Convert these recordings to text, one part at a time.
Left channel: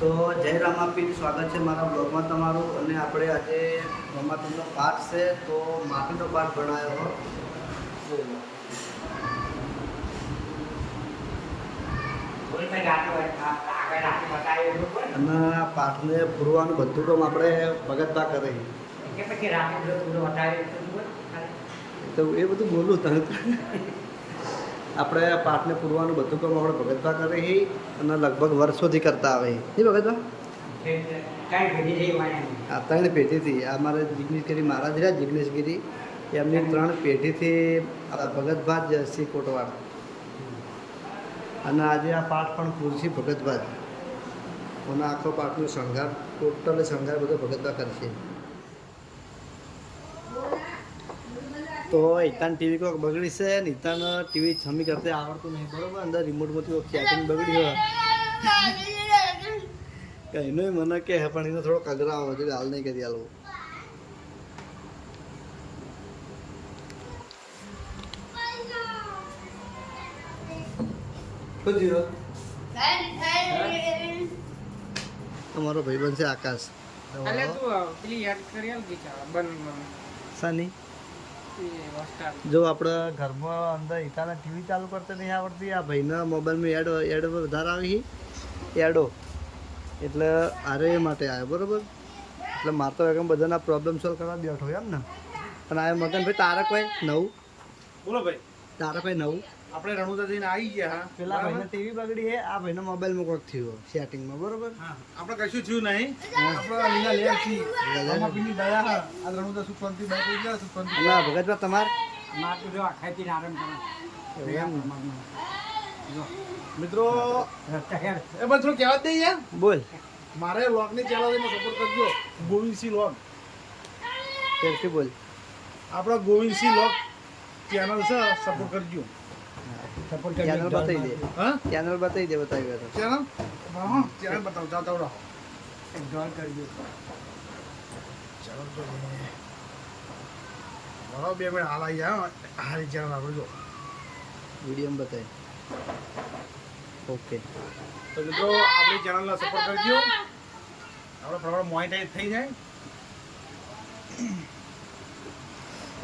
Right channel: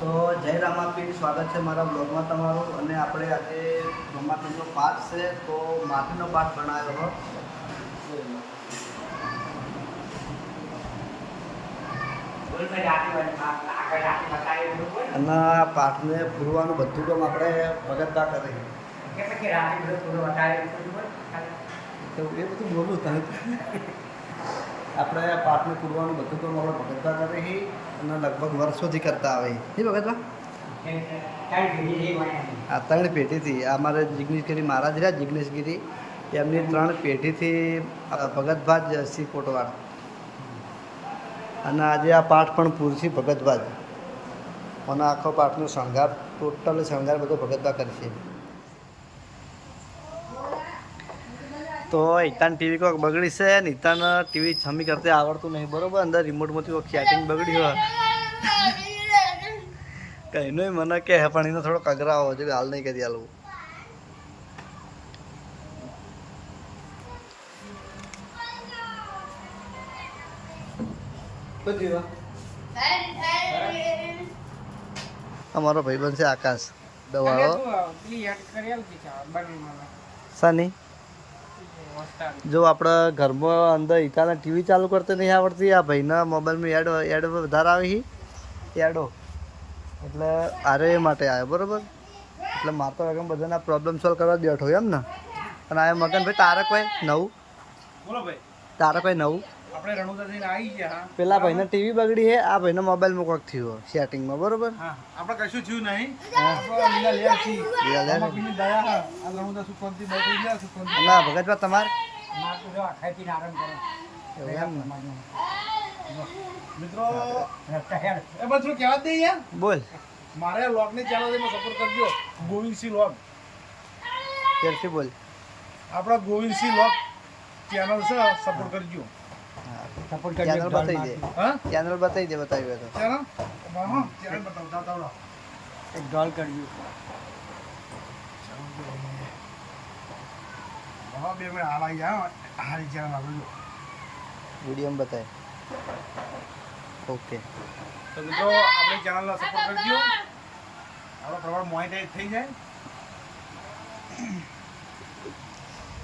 તો જય રામાપીર, સ્વાગત છે મારા બ્લોગમાં તમારું. અને આપણે આજે રામાપીરનો પાઠ છે, તો માફીનો પાઠ ભણાયો હો. અને આ પાઠને પૂરવાનું બધું કામ આપણે ભગતતા કરે તો એ બધું બોલું તમે. આપણે પાઠને પૂરવાનું બધું કામ આપણે ભગતતા કરે અને લગભગ વર્ષોથી કરતા આવે નહીં ભગતવા. આ 3 પેઢીથી અમારે જિગ્નેશગીરી મહારાજ રહ્યા, જિગ્નેશગીરી એમની 3 પેઢીથી ભગતભા જ શ્રી કોટવાડ. અને આજે આ પાઠ પણ પૂરથી ભગતભા જ. અને આખો પાઠનો શણગાર ટોટલી શણગાર બધો ભગતભા કરશે. તો ઈતાન ટીવી કોઈક બગડી છે ને ઈતાન ટીવી છમી કરતે આવડતું નહીં બરોબર. અંદર રિમોટમાંથી કોઈક સેટિંગ બગડી હોય કહીનો મને કે પણ એનો થોડો કગરાવો છે, હાલ નહીં કરી આલું. અમારો ભાઈબંધ છે આકાશ દવાઓ સાની. જો આપણે ઘરમાં અંદર ઈકાને ટીવી ચાલુ કરते નહીં આવડતી, આ ભાઈના મોબાઈલમાં એડ વધારે આવી એડો, એટલે આરે એ માટે આવ્યો બરાબર. એટલે મારે તો એકમ બધાના પ્રોબ્લેમ સોલ્વ કરવા બેઠો એમ ને. અને આ મગનભાઈ તારે કોઈ નવું બોલો ભાઈ, તારે કોઈ નવું. આપણે રણુજા જઈને આવી ગયા. પેલા ભાઈને ટીવી બગડી છે, આ ભાઈના મોબાઈલમાં કોઈક થયું સેટિંગમાં બરોબર. આપણે કશું થયું નહીં. આપણે લીલા લેર છી રામાપીરની દયા હા. આ રણુજા સુખવંતી બાઈક લઈ ગયા સુખવંતી. ના ભગતભા તમારે માર તો જો ખાઈથી આરામ કરો એવું એમ ને. મિત્રો એ બધું કહેવા જ દઈએ. બોલ મારે લોગની ચેનલમાં સપોર્ટ કરજો. ગોવિંદસિંહ લોગ ફેરથી બોલ. આપણા ગોવિંદસિંહ લોગ ચેનલ છે, સપોર્ટ કરજો. ચેનલ બતાવી દે. હા ચેનલ બતાવી દે. બતાવી તો ચેનલ હા ચેનલ બતાવતા તો એક ડોલ કરજો. બરાબર 2 મિનિટ હાલ આવી જાય. હારી ચેનલ આપણે જો વિડીયોમાં બતાવે. ઓકે તો મિત્રો આપણી ચેનલને સપોર્ટ કરજો. આપણો પ્રમાણ મોનેટાઈઝ થઈ જાય.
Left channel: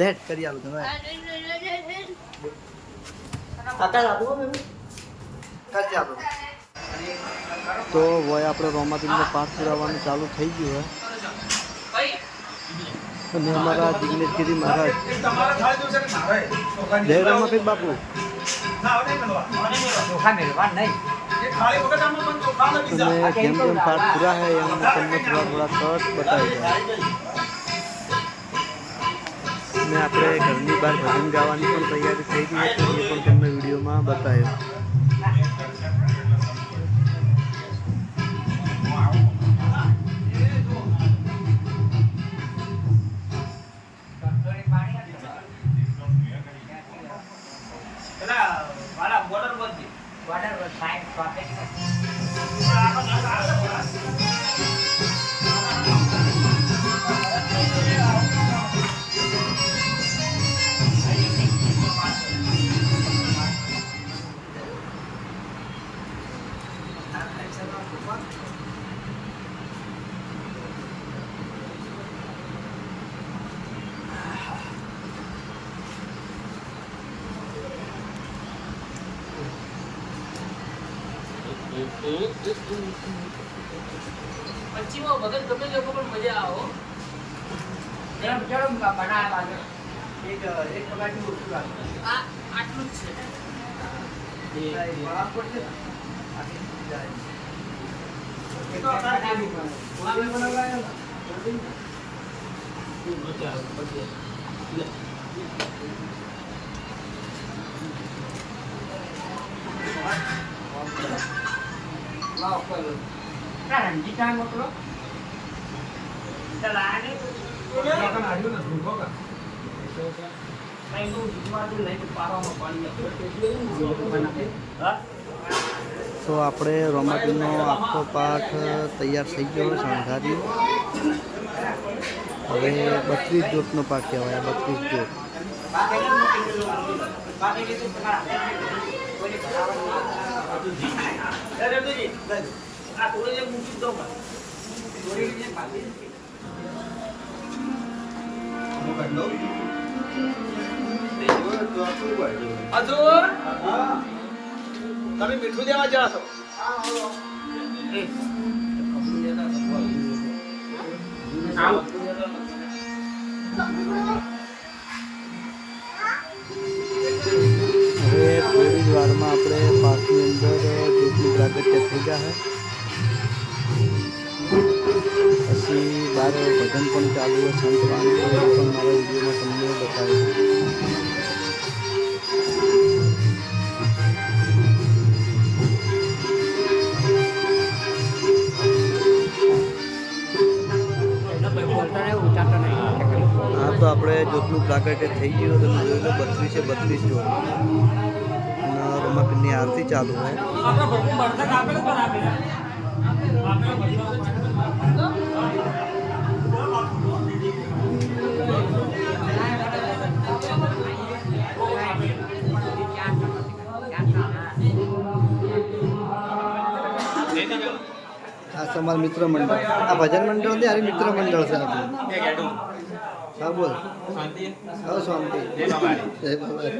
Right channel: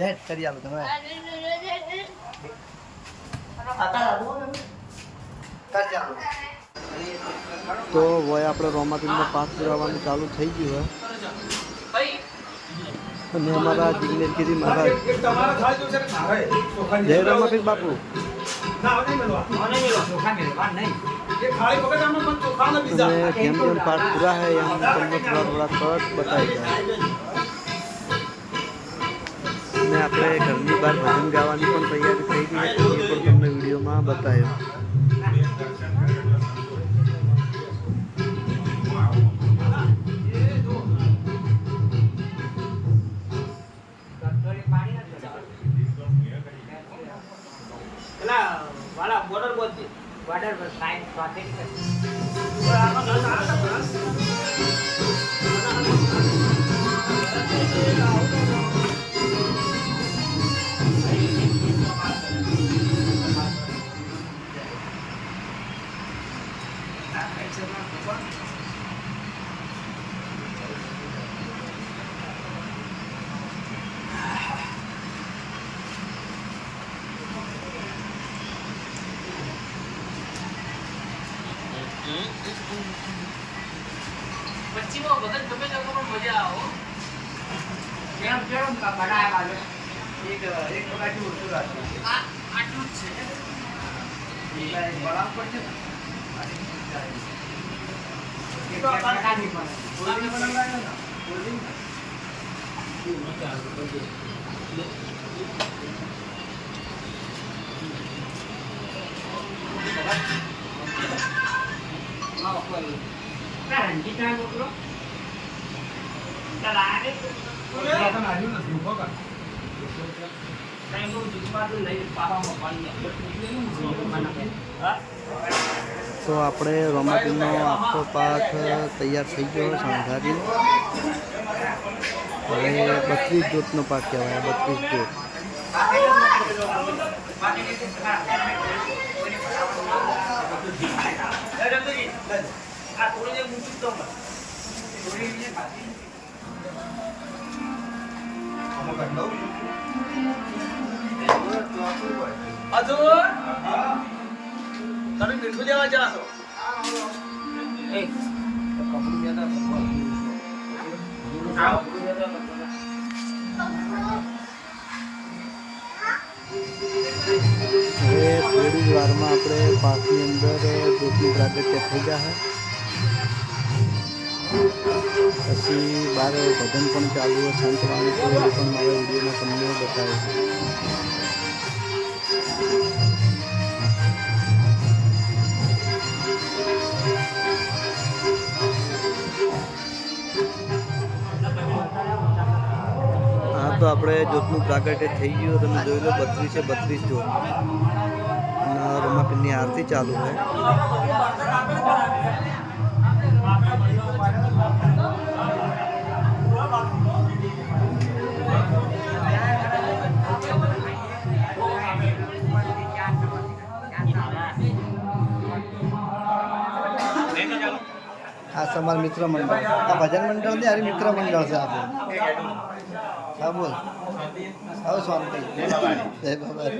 લેટ કરી આલું તમે. તો હોય આપણે રોમાપીરનો પાઠ પુરાવાનું ચાલુ થઈ ગયું હોય. અને અમારા જિગ્નેશગીરી મહારાજ જય રોમાપીર બાપુ. અને જેમ જેમ પાઠ પૂરા હોય એમ તમને થોડા કટ બતાવી જાય. અને આપણે ઘરની બહાર ભજન ગાવાની પણ તૈયારી થઈ ગઈ હતી, એ પણ તમને વિડીયોમાં બતાવ્યો. પછીમાં વગર ગમે લોકો પણ મજા આવો એમ કેમ બનાવ્યા બાજુ એક પગારથી ઓછું રાખો. આટલું જ છે બરાબર છે. તો આપણે રોમાપીરનો આખો પાઠ તૈયાર થઈ ગયો શણગારી. હવે 32 જ્યોતનો પાઠ કહેવાય. 32 જ્યોત. આ થોડી મૂકી દો થોડી ખાધી તમે મીઠું દેવા જાઓ છો હવે થોડી જ વારમાં આપણે પાકની અંદર જ્યોતનું પ્રાગટ્ય થઈ જશે. પછી બહાર ભજન પણ ચાલુ હોય સંતવાણી, તો એ પણ મારા વિડીયોમાં તમને બતાવીશ. હા તો આપણે જ્યોતનું પ્રાગટ્ય થઈ ગયું. તમે જોઈ લો 32 જ્યોત અને રમાપીરની આરતી ચાલુ હોય. આ છે અમારું મિત્ર મંડળ. આ ભજન મંડળ નહીં, આ મિત્ર મંડળ છે આપણું. હા બોલ. હવે શાંતિ. જય બાબા.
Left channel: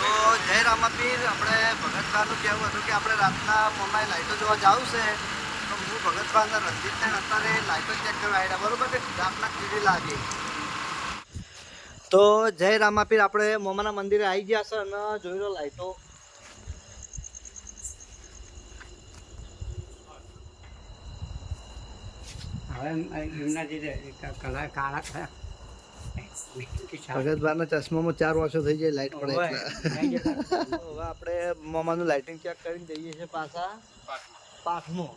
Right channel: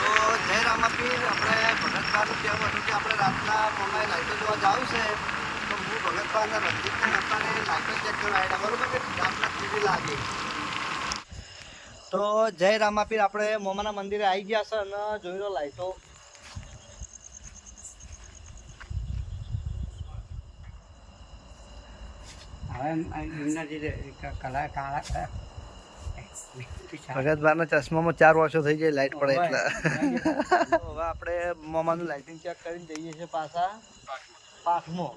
તો જય રામાપીર. આપણે ભગતભાઈનું કહેવું હતું કે આપણે રાતના મમ્માએ લાઇટો જોવા જવું છે, તો હું ભગતભાઈના રણજીતને અત્યારે લાઇટો ચેક કરવા આવ્યા, બરાબર કે રાતના ટીવી લાગે. તો જય રામાપીર, આપણે મોમાના મંદિરે આવી ગયા છે અને જોઈ લો લાઇટો. ભગતભાઈના ચશ્મામાં 4 વર્ષો થઈ જાય લાઇટ પડે એટલે. હવે આપણે મોમાનું લાઇટિંગ ચેક કરીને જઈએ છીએ પાછા પાઠમાં.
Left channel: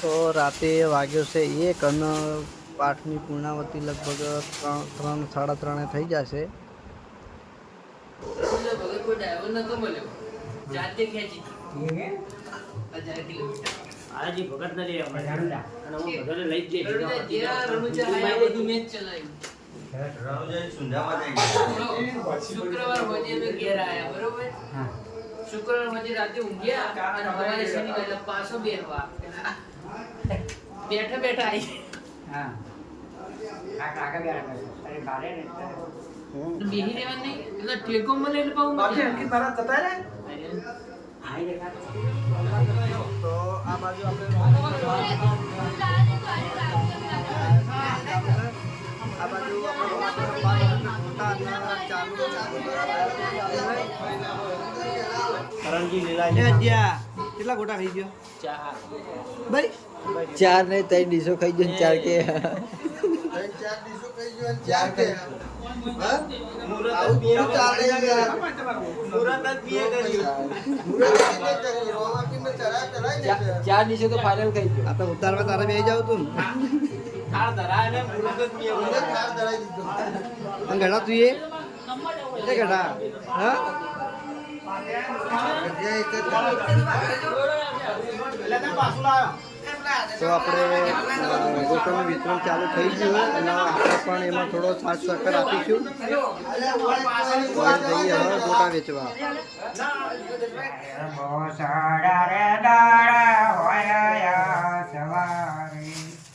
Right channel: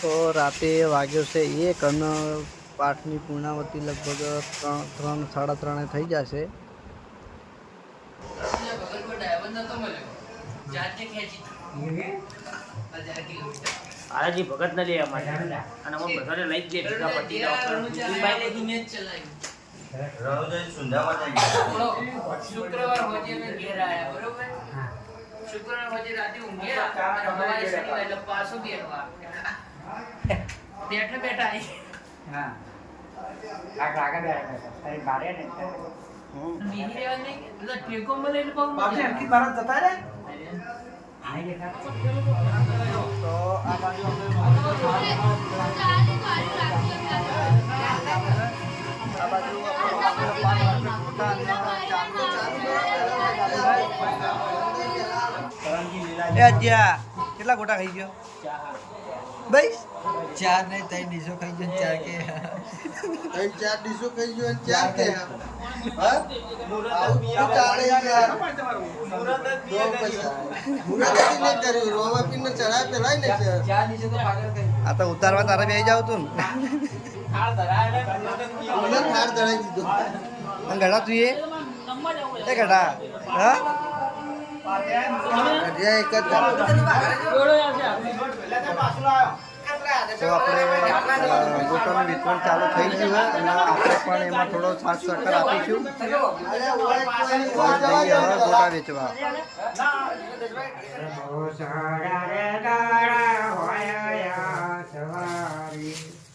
તો રાતે વાગ્યો છે 1 અને પાઠની પૂર્ણાવતી લગભગ 3 સાડા 3 થઈ જશે. આજી ભગત ને લે અમારે અને અમે બધાને લઈ જ લે ભેગા પટી જાવ બાઈ લે દી મેચ ચલાવી શુક્રવાર હોજે મે ઘેર આયા બરોબર શુક્રવાર હોજે રાતે ઊંઘ્યા અને હવારે શનિવાર એટલે પાછો બેરવા બેઠા બેઠા આવી હા આગળ ગારે ને બેહી રહેવા નહીં એટલે ટેકો મળે એટલે પાઉં બાકી અંકિત ભારત જતા રે તો આ બાજુ આપણે આ બાજુ આપણે 5 ગોટા અને ચાલુ કરણજી લીલા એ જ્યા કેટલા ગોટા ખાઈ ગયો? 4 ભાઈ 4 નહીં 3 ડીશો ખાઈ ગયો 4 કે 4 ડીશો ખાઈ ગયો અને 4 કે હા આવું બોલું ચાલે યાર મુરત જ બિયા કર્યું રોવા પીને ચડા પેલાય ને 4 ડીશો તો પારેલ ખાઈ ગયો. આ તો ઉતારવા તારે બેહી જાવ તું ને થાળ ધરાય ને મુરત જ બિયા થાળ ધરાઈ દીધો અને ઘડા તું એ ઘડા હા એક જ તો આપણે ગોટાનું વિતરણ ચાલુ થઈ ગયું હોય અને આપણે પણ એમાં થોડો સાથ સહકાર આપીશું. અમે જઈએ હવે ગોટા વેચવા.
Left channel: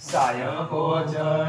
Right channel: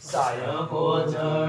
સાય ભોજન